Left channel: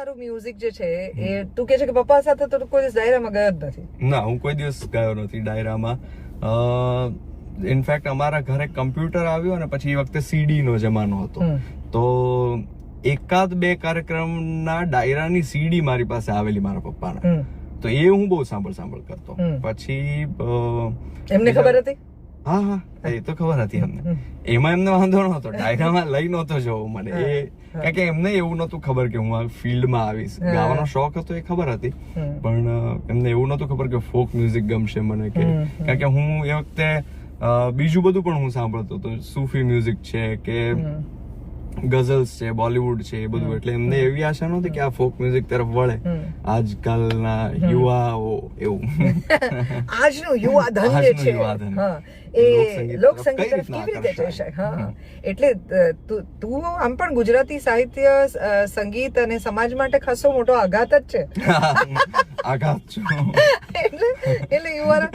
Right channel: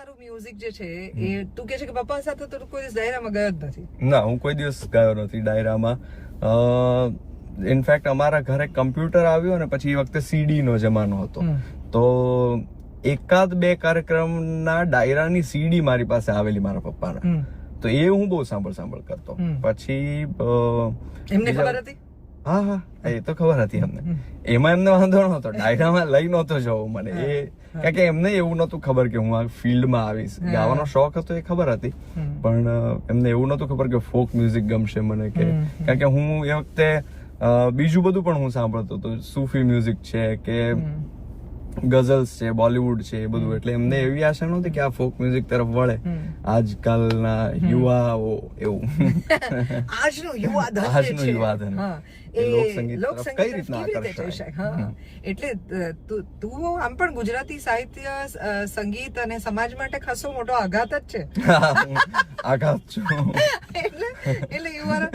તારું મ્યુઝિક જે છે એ તું કે છે કે પપ્પા સાથે તો કોઈ દિવસ ડાયરામાં ગયો જ નથી? ના, હું કોઈ દિવસ ગયો નથી ડાયરામાં. ઇનફેક્ટ અમારા ઘરે કમ્પ્યુટર આવ્યો ને પછી એ વખતે સીડી નો જમાનો હતો, તો એકાદ બે કાર્યક્રમના ડાયરાની સીડી મારી પાસે આવેલી મારા પપ્પાના, તો એ હું બહુ સાંભળ કરતો. પછી એમને ખબર હતી? હા હા, એ તો ખબર હતી અમને. એમાં એમને વાંધો નહોતો, ડાયરામાં લઈ નહોતો જવું મને, એ કારણ કે એમને એવું નહોતું ખબર કે હું આ ફિલ્ડમાં આવીશ. ગાવાનો શોખ હતો એ ખબર હતી, પણ એમને એવું નહોતું ખબર કે ફોક મ્યુઝિક ગમશે મને, કે કારણ કે હું એ વખતે બીજું બધું પણ હું સાંભળતો હતો, સૂફી મ્યુઝિક છે કે ગઝલ્સ છે, બોલિવૂડ છે, એ બધું. એટલે એમને એવી આશા નહોતી કે આ ફોક મ્યુઝિક તરફ વળે આજકાલના યુવાઓ, એવું. આજનું યુવા ધન જે છે એ લોક સંગીત તરફ કેવી રીતે જઈ શકે? હા, એટલે તું આમ પણ ગુજરાતી સાહિત્ય, સંગીત અને સમાજ માટે ખાસો મોટો આઘાત જ છે. આઘાત છું. એટલે you are a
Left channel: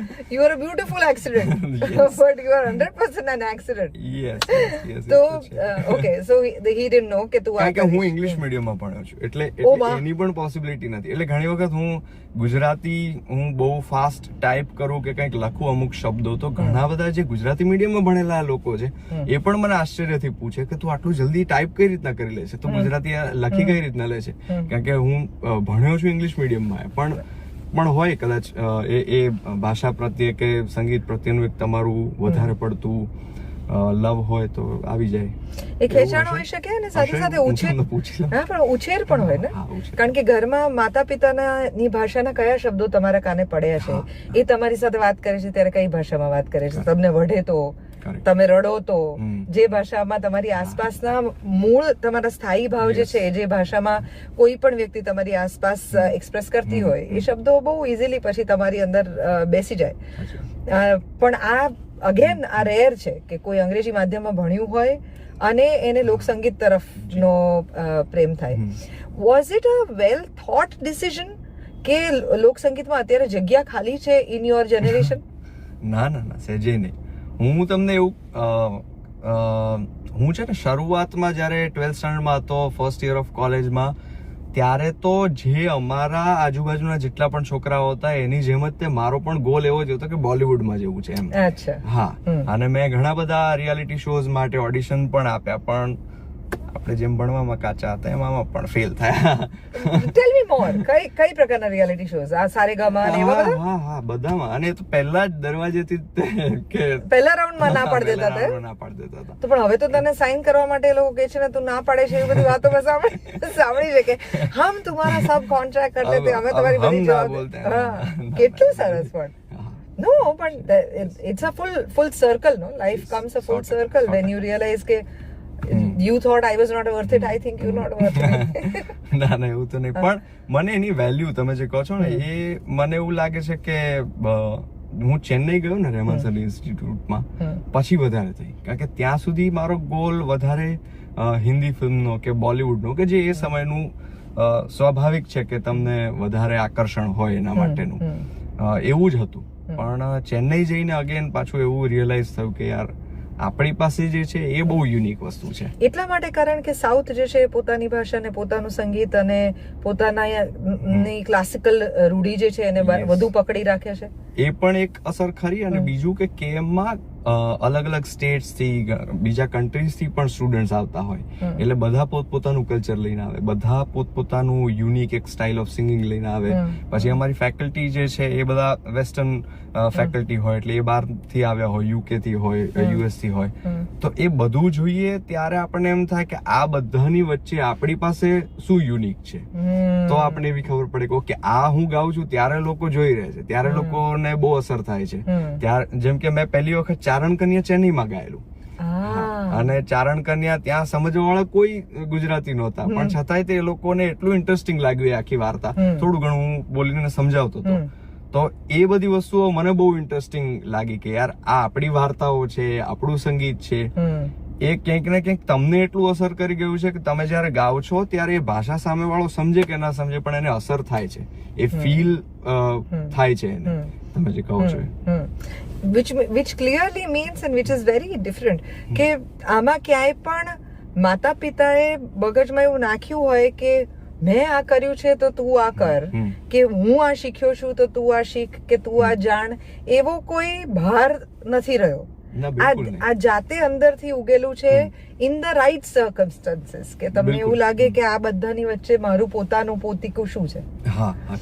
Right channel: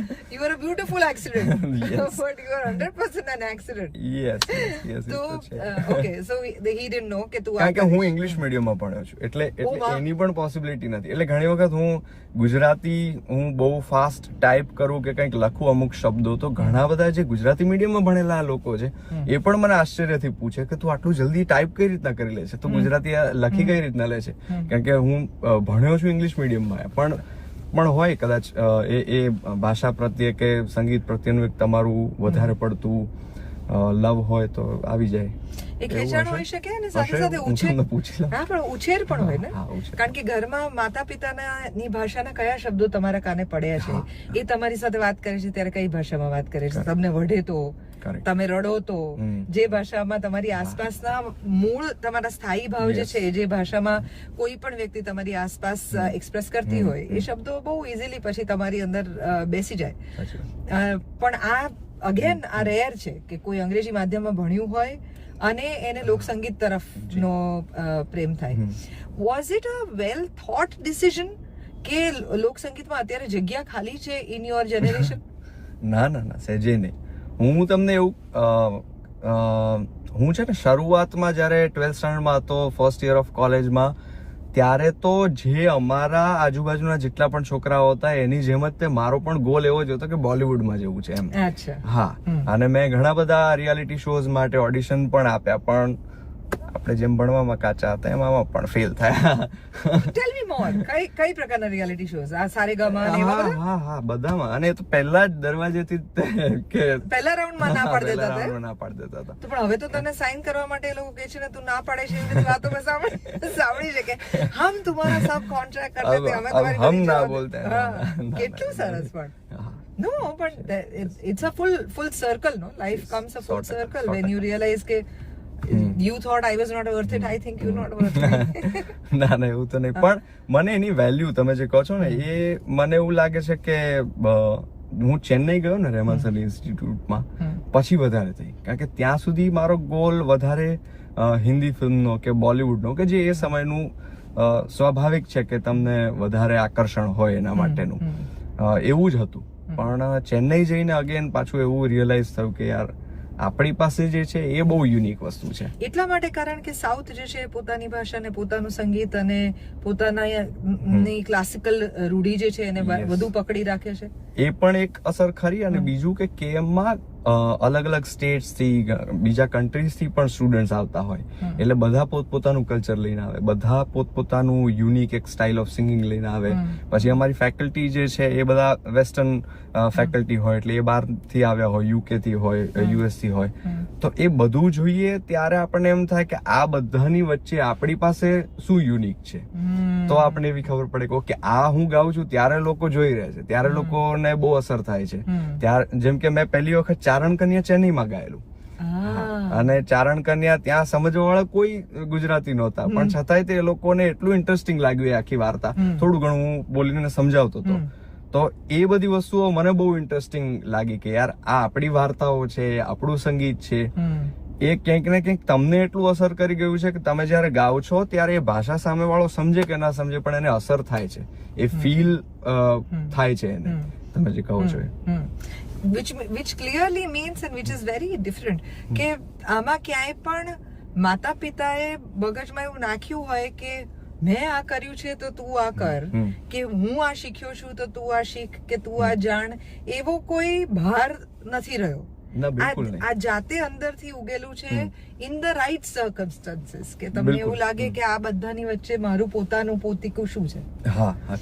beautiful accident, but you are 100% an accident. Yes. તો okay, so he didn't know કે તું કારણ કે હું ઇંગ્લિશ મીડિયમમાં ભણ્યો છું, એટલે એની પણ પોસિબિલિટી નથી. એટલે ઘણી વખત હું ગુજરાતી હું બહુ ફાસ્ટ ટાઈપ કરું કે કંઈક લખું અમુક શબ્દો, તો ઘણા બધા જે ગુજરાતી મીડિયમમાં ભણેલા લોકો છે એ પણ મને આશ્ચર્યથી પૂછે કે તું આટલું જલ્દી ટાઈપ કઈ રીતના કરી લે છે, તું ગુજરાતી લખી કઈ રીતના લે છે. કારણ કે હું ભણ્યો છું ઇંગ્લિશ મીડિયમમાં, પણ હોય કદાચ એ ભાષા પ્રત્યે કે સંગીત પ્રત્યેનું એક તમારું વધારે પડતું લવ હોય તો આવી જાય. એક ખેંચાણ હોઈ શકે અને સાથે સાથે ઉછેર, હા પણ ઉછેર પણ હોય ને, કારણ કે ઘરમાં માતા પિતાની ભાષાના કયા શબ્દો તમારા કાને પડ્યા છે, એ તમારી સાથે વાત કરે છે ત્યારે કઈ ભાષામાં વાત કરે છે, તમને વઢે તો, તમે રડો તો, જે ભાષામાં તમારી આસપાસના મૂળ તમારા સ્થાયી ભાવ જે છે, જે ભાષામાં કોઈ પણ વ્યક્તિ તમારી આસપાસ એક્સપ્રેસ કરતી હોય, એ શબ્દો બહુ ઇઝીલી પછી તમારી અંદર બેસી જાય. પણ આ અગેન આ રેર છે કે કોઈ અંગ્રેજી માધ્યમમાં ભણ્યું હોય અને એને લોકસંગીત તરફનો પ્રેમ થાય. Was it a well thought decision કે લોકસંગીતમાં અત્યારે જગ્યા ખાલી છે ઇન યોર જનરેશન? ના, સહેજે નહીં. હું તમને એવું, હું છે ને શરૂઆતમાં જયારે 12th સ્ટાન્ડર્ડમાં હતો, ફર્સ્ટ યર ઓફ કોલેજમાં, ત્યારે તો જે અમારા આજુબાજુના જેટલા પણ છોકરાઓ હતા એની જેમ જ તે મારો પણ ગોલ એવો જ હતો કે બોલિવૂડમાં જવું છે એમ. હા, અને મેં ઘણા બધા રિયાલિટી શોઝ માટે ઓડિશન પણ આપ્યા, પણ આપણે જેમ ભણવામાં કાચા હતા એમાં પણ ફેલ થયા. ટેલ મી મોર, કઈ પ્રકારના રિયાલિટી શોઝ? આ સારેગામા ને એવા બધા? હા, બધામાં. અને તો પહેલા જ દરવાજેથી કે પહેલા રાઉન્ડમાં ના પાડી દેતા હતા. તો પણ હવે તો તને સાઇન કરવા માટે એ લોકો કહે છે ને, તું ના પાડે છે, એ બધી વાતો મેં સાંભળી છે કે હમ તમારા સબ કોન્ટ્રાક્ટ કરતે થે, અમે તમારી બધી જવાબદારી. કેટલું સરસ. પણ નો, પણ it's a full circle, no, life comes a full circle when you realise કે you thought I was not worth it, I think you're not worth it. ના, એવું તો નહીં, પણ મને એની વેલ્યુ તમે જે કહો છો ને, એ મને એવું લાગે છે કે હું ચેન્નઈ ગયો ને રેમાસલ ઇન્સ્ટિટ્યૂટમાં, પછી વધારે થઈ, કારણ કે ત્યાં સુધી મારો ગોલ વધારે હિન્દી ફિલ્મનો કે બોલિવૂડનો, કે જે એ સમયનું સ્વાભાવિક છે કે તમને વધારે આકર્ષણ હોય એના માટેનું, એવું જ હતું. પણ ચેન્નઈ જઈને અગેન પાછું એવું રિયલાઇઝ થયું કે યાર આપણી પાસે જે છે એ બહુ યુનિક વસ્તુ છે. એટલા માટે કારણ કે સાઉથ જે છે પોતાની ભાષા ને પોતાનું સંગીત અને પોતાની ક્લાસિકલ રૂઢી જે છે એને વધુ પકડી રાખે છે. એ પણ એક અસર ખરી. અને બીજું કે કેએમમાં અલગ અલગ સ્ટેટ્સ થી, બીજા કન્ટ્રીઝ થી પણ સ્ટુડન્ટ્સ આવતા હોય, એટલે બધા પોતપોતાનું કલ્ચર લઈને આવે, બધા પોતપોતાનું યુનિક એક સ્ટાઇલ ઓફ સિંગિંગ લઈને આવે. પછી અમારી ફેકલ્ટી જે છે એ બધા વેસ્ટર્ન ફેકલ્ટી હોય, એટલે એ બહાર થી આવ્યા હોય, યુકે થી હોય, યુએસ થી હોય, તો એ બધું જોઈએ ત્યારે આપણને એમ થાય કે આ બધાની વચ્ચે આપણી પાસે શું યુનિક છે. તો આપણને એવી ખબર પડે કે ઓકે, આ હું ગાઉં છું ત્યારે લોકો જોઈ રહ્યા છે, ત્યારે લોકોને બહુ અસર થાય છે. ત્યારે જેમ કે મેં પહેલી વખત ચારણ કન્યા ચેન્નઈમાં ગાયેલું, અને ચારણ કન્યા ત્યાં સમજવા વાળા કોઈ ગુજરાતી નહોતા, પણ છતાંય તે લોકોને એટલું ઇન્ટરેસ્ટિંગ લાગ્યું એ આખી વાર્તા. થોડું ઘણું હું બોલીને સમજાવતો હતો, તો એ બધી વસ્તુઓ મને બહુ ઇન્ટરેસ્ટિંગ લાગી કે યાર આ આપણી વાર્તાઓ છે, આપણું સંગીત છે, એ ક્યાંક ને ક્યાંક તમને એટલું અસર કરી ગયું છે કે તમે જયારે ગાઓ છો ત્યારે એ ભાષા સામે વાળો સમજે કે ના સમજે, પણ એને અસર થાય છે, એ ફીલ થાય છે એને, તમે જે કહો છો. which clearly means and which is very different કે આમાં ક્યાંય પણ માતા પિતાએ મગજમાં એવું નાખ્યું હોય કે મેં આ કર્યું છે તો તું આ કર, કે હું આ શીખ્યો છું તો તું આ શીખ, કે તું આ જાણ, એવો કોઈ ભાર નથી રહ્યો. આ જાતે અંદરથી ઉગેલું છે ઇન ધ રાઈટ સર્કમસ્ટન્સીસ, કે તમને એવું લાગે કે આ બધાની વચ્ચે મારું પોતાનું પોતીકું શું છે. હા